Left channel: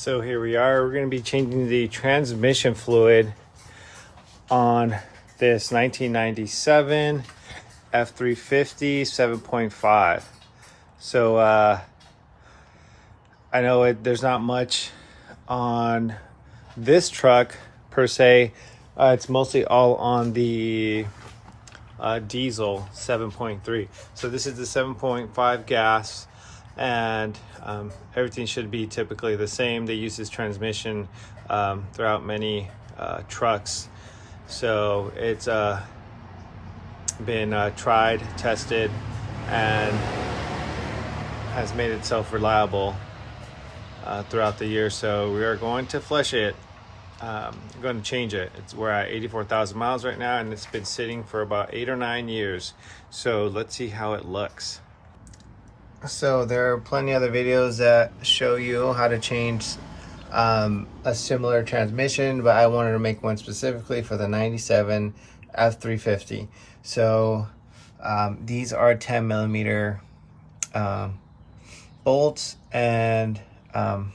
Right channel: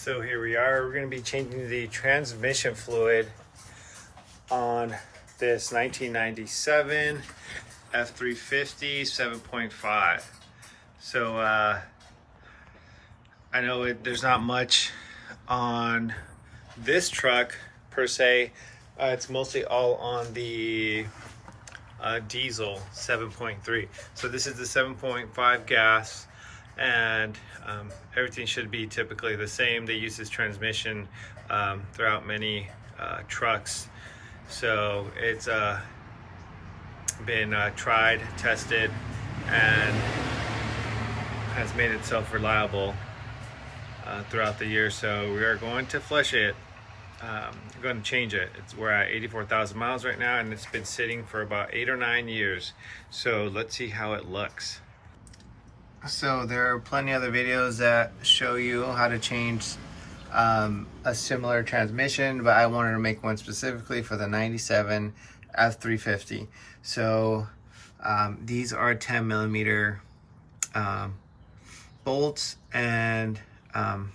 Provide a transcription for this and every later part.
So here we are. We're going to be changing the transmission fluid on this 1997 F350 7.5. So I know there's not much on this truck per se. It's mostly all on the diesel 7.3. So this is the 7.5 gas, and everything should be typically the same. They use this transmission throughout many trucks, so it's been tried, tested, and has made itself reliable throughout the year. So we are going to flush it. I'm going to change it. We're at 84,000 miles right now, and it's been sitting for about 8 or 9 years. So let's see how it looks. So there are plenty of other videos that show you how to change a similar transmission, but I wanted to make one specifically for the 97 F350. So these are 10 millimeter bolts, and I'm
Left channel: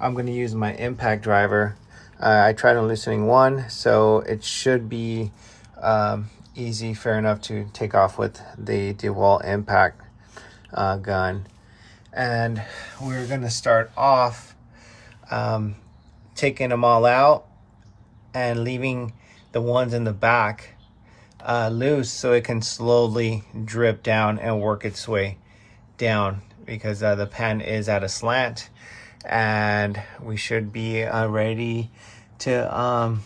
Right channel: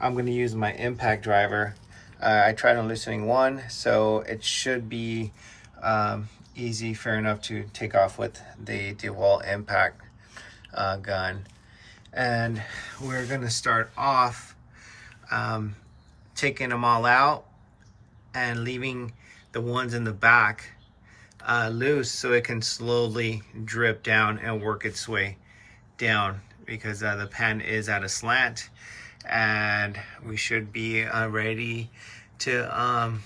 going to use my impact driver. I tried on loosening one, so it should be easy, fair enough to take off with the DeWalt impact gun. And we're going to start off taking them all out and leaving the ones in the back loose, so it can slowly drip down and work its way down, because the pan is at a slant, and we should be ready to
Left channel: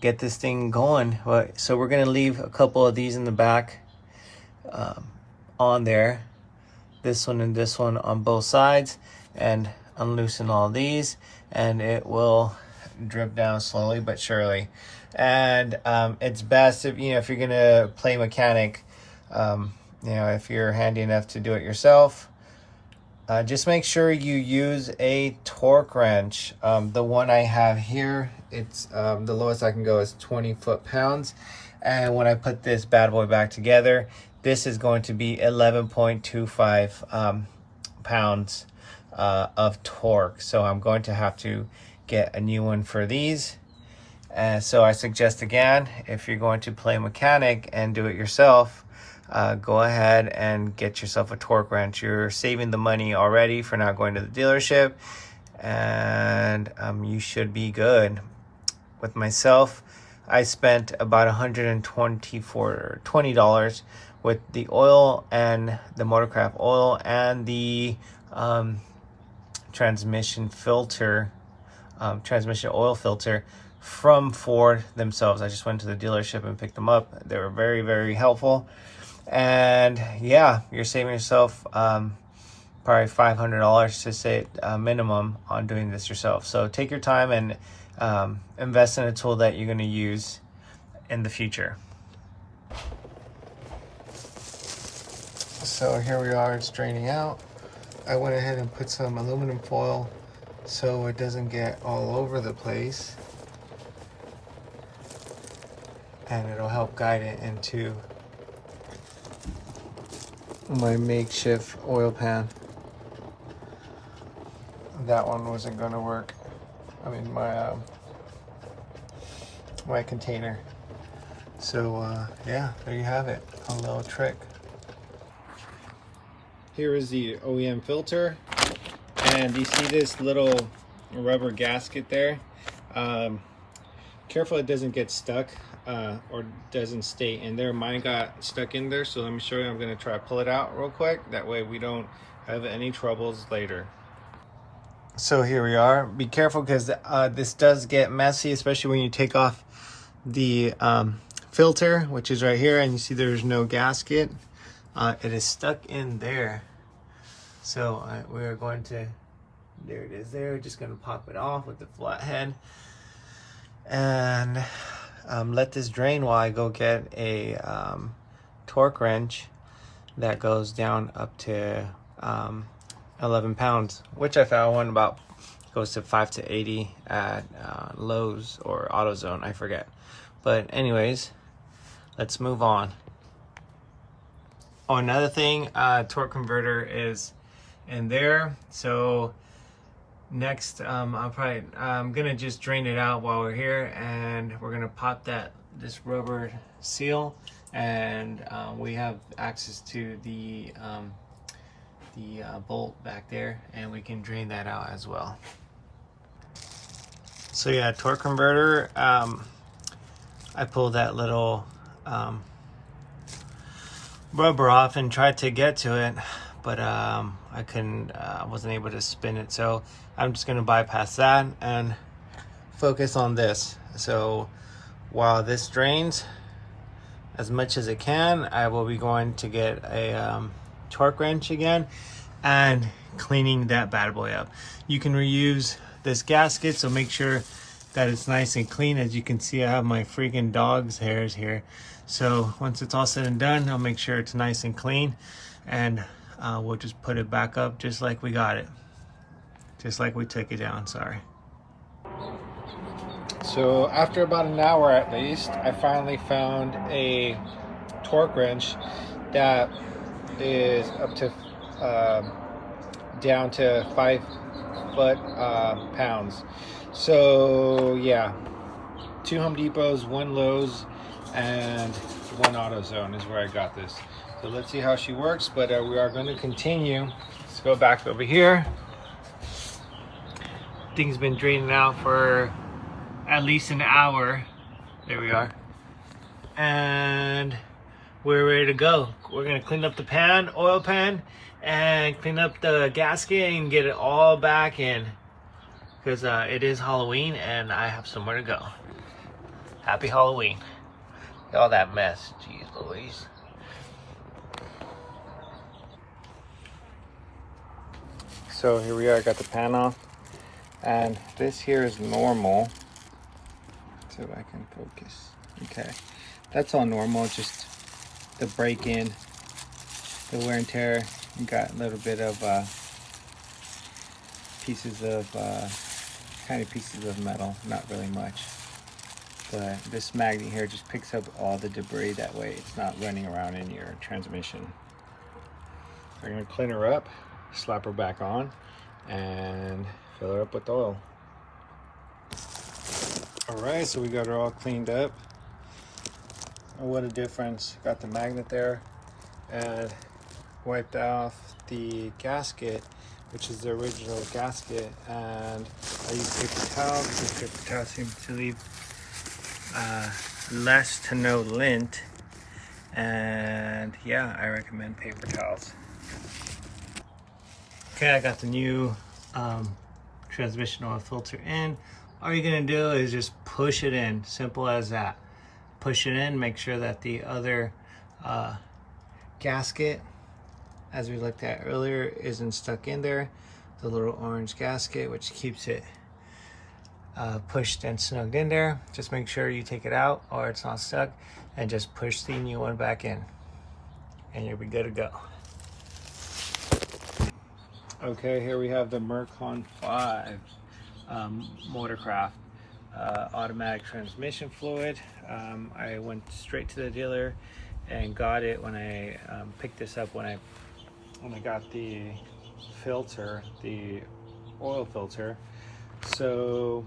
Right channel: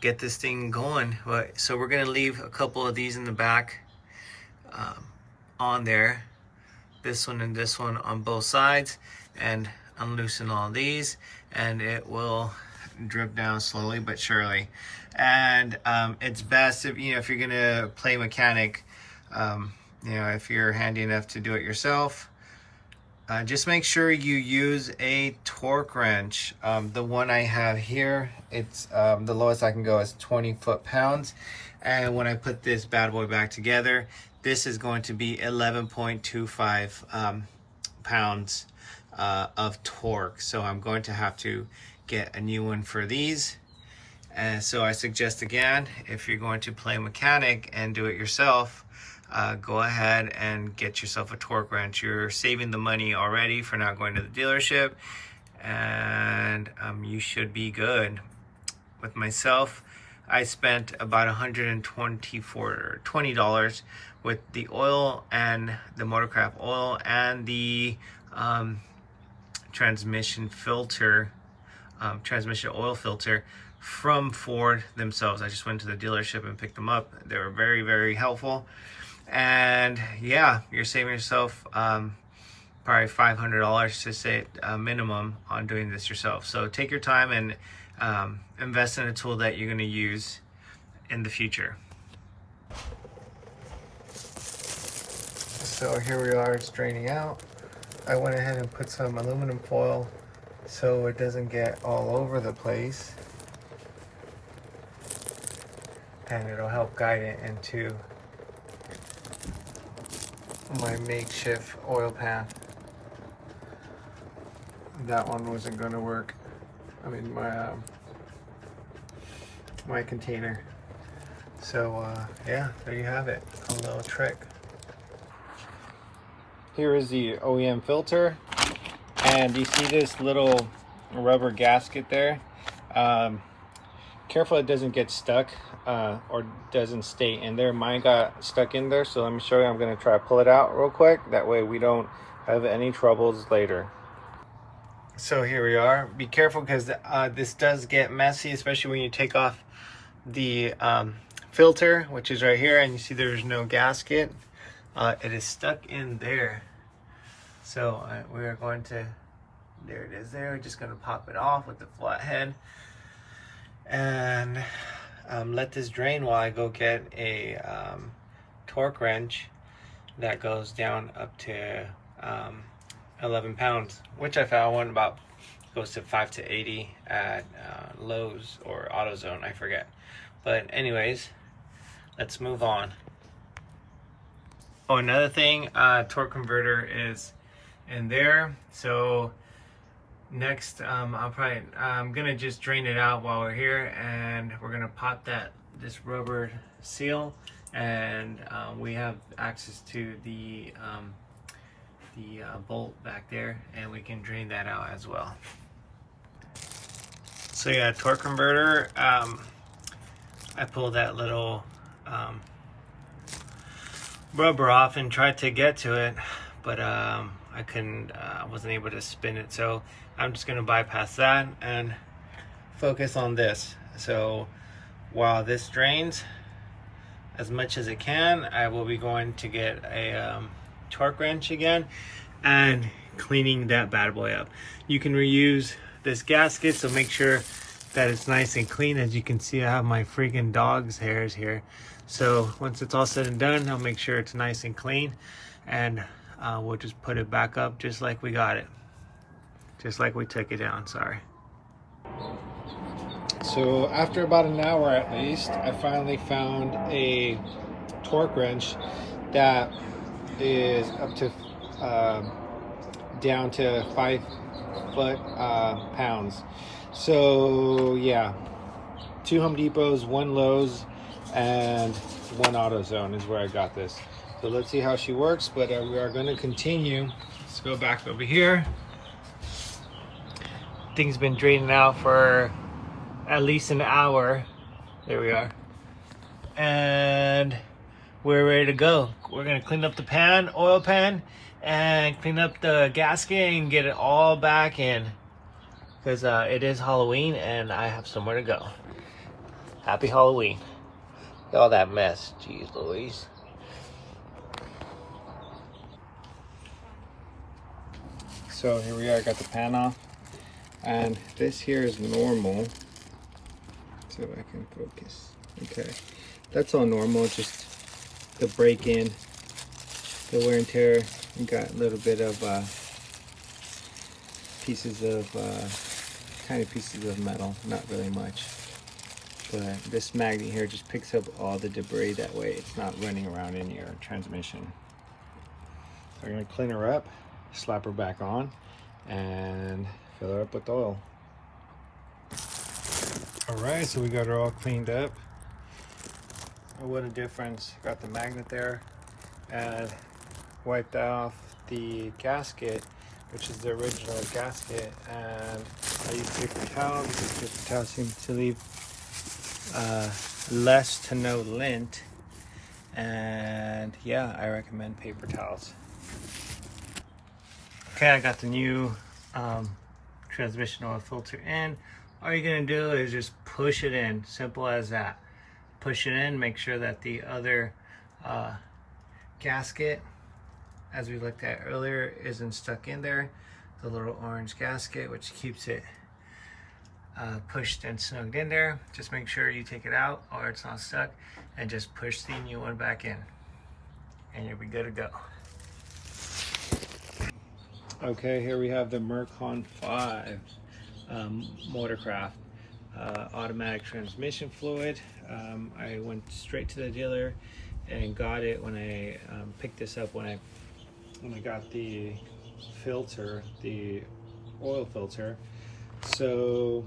get this thing going. So we're gonna leave a couple of these in the back on there, this one and this one on both sides, and unloosen all these, and it will drip down slowly but surely. And it's best if if you're gonna play mechanic, if you're handy enough to do it yourself, just make sure you use a torque wrench. The one I have here, it's the lowest I can go is 20 foot-pounds, and when I put this bad boy back together, this is going to be 11.25 pounds of torque. So I'm going to have to get a new one for these. And so I suggest, again, if you're going to play mechanic and do it yourself, go ahead and get yourself a torque wrench. You're saving the money already for not going to the dealership, and you should be good. With myself, I spent about $120 with the oil and the Motorcraft oil and the transmission filter, transmission oil filter from Ford themselves. I just went to the dealership and picked them up. They were very, very helpful. And yeah, you're saving yourself probably $500 to say minimum on doing this yourself. So take your time and invest in a tool that you're going to use in the future. So here we are, it's draining out. I went ahead and put some aluminum foil so it doesn't get all over the place, and it'll help guide it into my makeshift oil pan. That one wasn't going to work. I mean, my container. So yeah, there you have it, a little trick. Here is the OEM filter, and you see this little rubber gasket there. Careful it doesn't get stuck or doesn't stay in there. Mine got stuck in there, so let me show you. I'm going to try to pull it out real quick, that way we don't have any troubles later. So here we are. Be careful, because this does get messy, especially when you take off the filter, which is right here, and you see there's no gasket. It is stuck in there. So we are going to, there it is there, just going to pop it off with the flat head and let this drain while I go get a torque wrench that goes down up to 11 pounds, which I found one about goes to 5 to 80 at Lowe's or AutoZone, I forget. But anyways, let's move on. Oh, another thing, torque converter is in there. So you can see the little rubber gasket there. Careful it doesn't get stuck or doesn't stay in there. Mine got stuck in there. So let me show you. I'm going to try to pull it out real quick, that way we don't have any troubles later. So here we are. Be careful, because this torque converter is in there. So Next, I'm gonna just drain it out while we're here, and we're gonna pop this rubber seal, and we have access to the bolt back there, and we can drain that out as well. So yeah, torque converter. I pulled that little rubber off and tried to get to it, but I couldn't. I wasn't able to spin it, so I'm just gonna bypass that and focus on this. So while this drains as much as it can, I will be going to get a torque wrench again and cleaning that bad boy up. You can reuse this gasket, so make sure that it's nice and clean. As you can see, I have my freaking dog's hairs here. So once it's all said and done, I'll make sure it's nice and clean, and we'll just put it back up just like we got it. Just like we took it down, sorry. So after about an hour at least, I finally found a torque wrench that is up to down to 5 foot-pounds. So yeah, 2 Home Depots, 1 Lowe's, and 1 AutoZone is where I got this. So let's see how she works, but we are going to continue. Let's go back over here. Thing's been draining out for at least an hour. There we are. And we're ready to go. We're gonna clean up the pan, oil pan, and clean up the gasket and get it all back in. Because it is Halloween and I have somewhere to go. Happy Halloween. Look at all that mess. Jeez Louise. So here we are, I got the pan off. And this here is normal. So I can focus. Okay. That's all normal, just the break-in, the wear and tear. You got a little bit of pieces of tiny pieces of metal, not really much. But this magnet here just picks up all the debris, that way it's not running around in your transmission. We're gonna clean her up, slap her back on, and fill her up with oil. All right, so we got her all cleaned up. Oh, what a difference. Got the magnet there, and wiped off the gasket, which is the original gasket, and I use paper towel because paper towel seems to leave less to no lint, and yeah, I recommend paper towels. Okay, I got the new transmission oil filter in. All you're gonna do is just push it in, simple as that. Push it in, make sure that the other gasket, as we looked at earlier, isn't stuck in there. The little orange gasket, which keeps it pushed and snugged in there. Just make sure you take it out or it's not stuck, and just push the new one back in, and you'll be good to go. Okay, here we have the Mercon V Motorcraft automatic transmission fluid. I went straight to the dealer and got it when I picked this up when I got the filter, the oil filter. So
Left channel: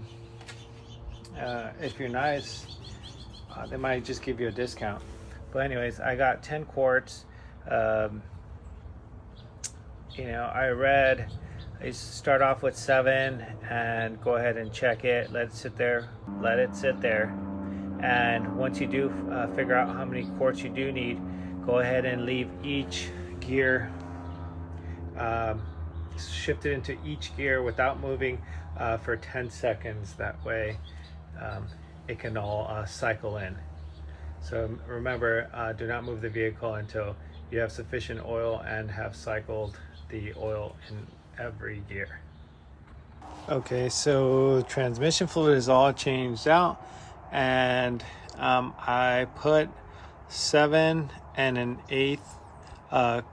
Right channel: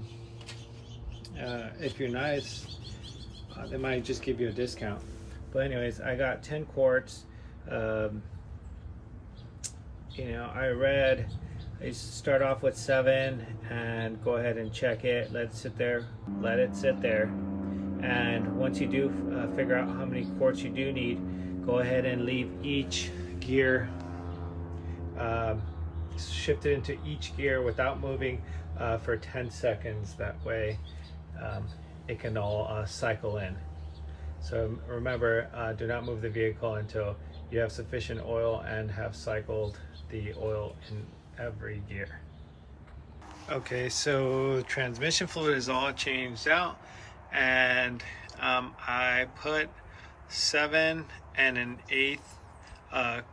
if you're nice, they might just give you a discount. But anyways, I got 10 quarts. You know, I start off with 7 and go ahead and check it, let it sit there, and once you do figure out how many quarts you do need, go ahead and leave each gear, shift it into each gear without moving for 10 seconds. That way it can all cycle in. So remember, do not move the vehicle until you have sufficient oil and have cycled the oil in every gear. Okay, so transmission fluid is all changed out, and I put 7 1/8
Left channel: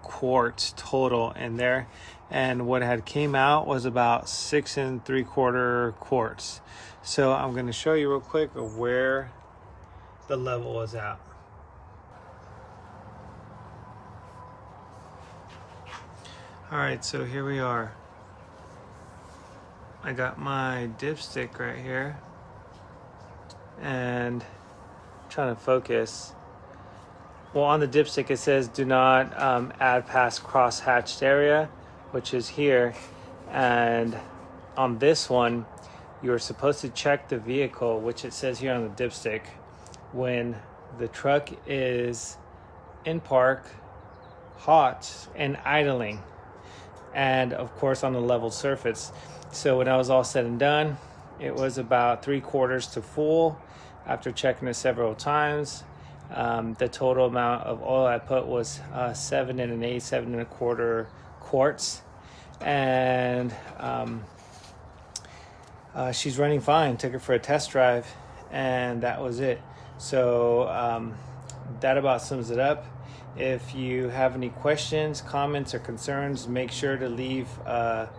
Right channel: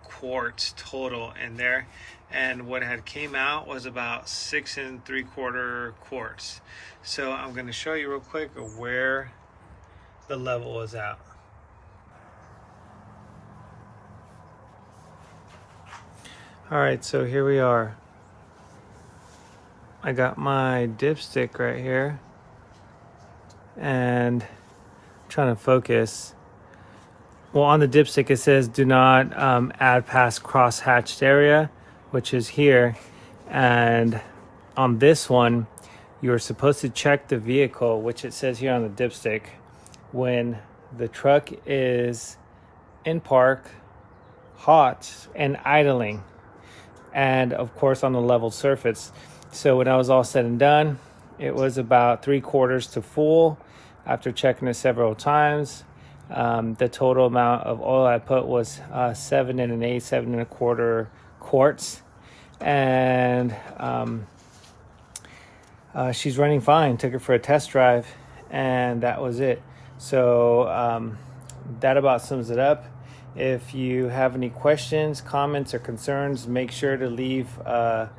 quarts total in there, and what had came out was about 6 3/4 quarts. So I'm going to show you real quick of where the level was at. All right, so here we are. I got my dipstick right here, and I'm trying to focus. Well, on the dipstick it says do not add past cross-hatched area, which is here. And on this one, you're supposed to check the vehicle, which it says here on the dipstick, when the truck is in park, hot, and idling, and of course on the level surface. So when I was all said and done, it was about 3/4 to full after checking it several times. The total amount of oil I put was 7 1/4 quarts, and she's running fine. Took her for a test drive, and that was it. So that about sums it up. If you have any questions, comments, or concerns, make sure to leave a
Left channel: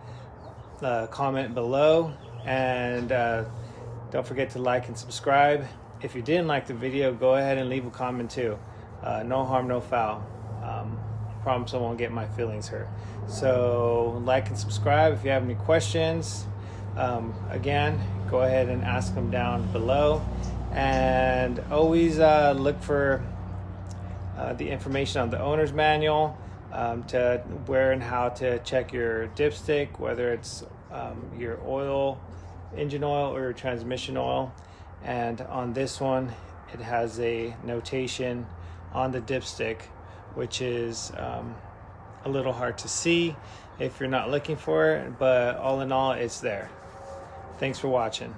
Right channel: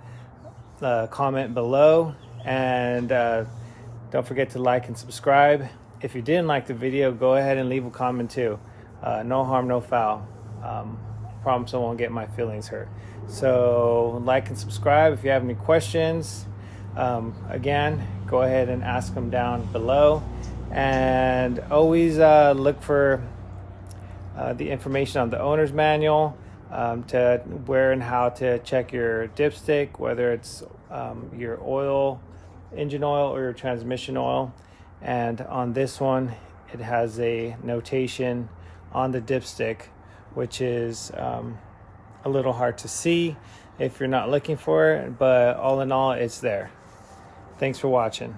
comment below, and don't forget to like and subscribe. If you didn't like the video, go ahead and leave a comment too. No harm, no foul. Promise I won't get my feelings hurt. So like and subscribe. If you have any questions, again, go ahead and ask them down below. And always look for the information on the owner's manual, to where and how to check your dipstick, whether it's your oil, engine oil, or your transmission oil. And on this one, it has a notation on the dipstick, which is a little hard to see if you're not looking for it, but all in all, it's there. Thanks for watching.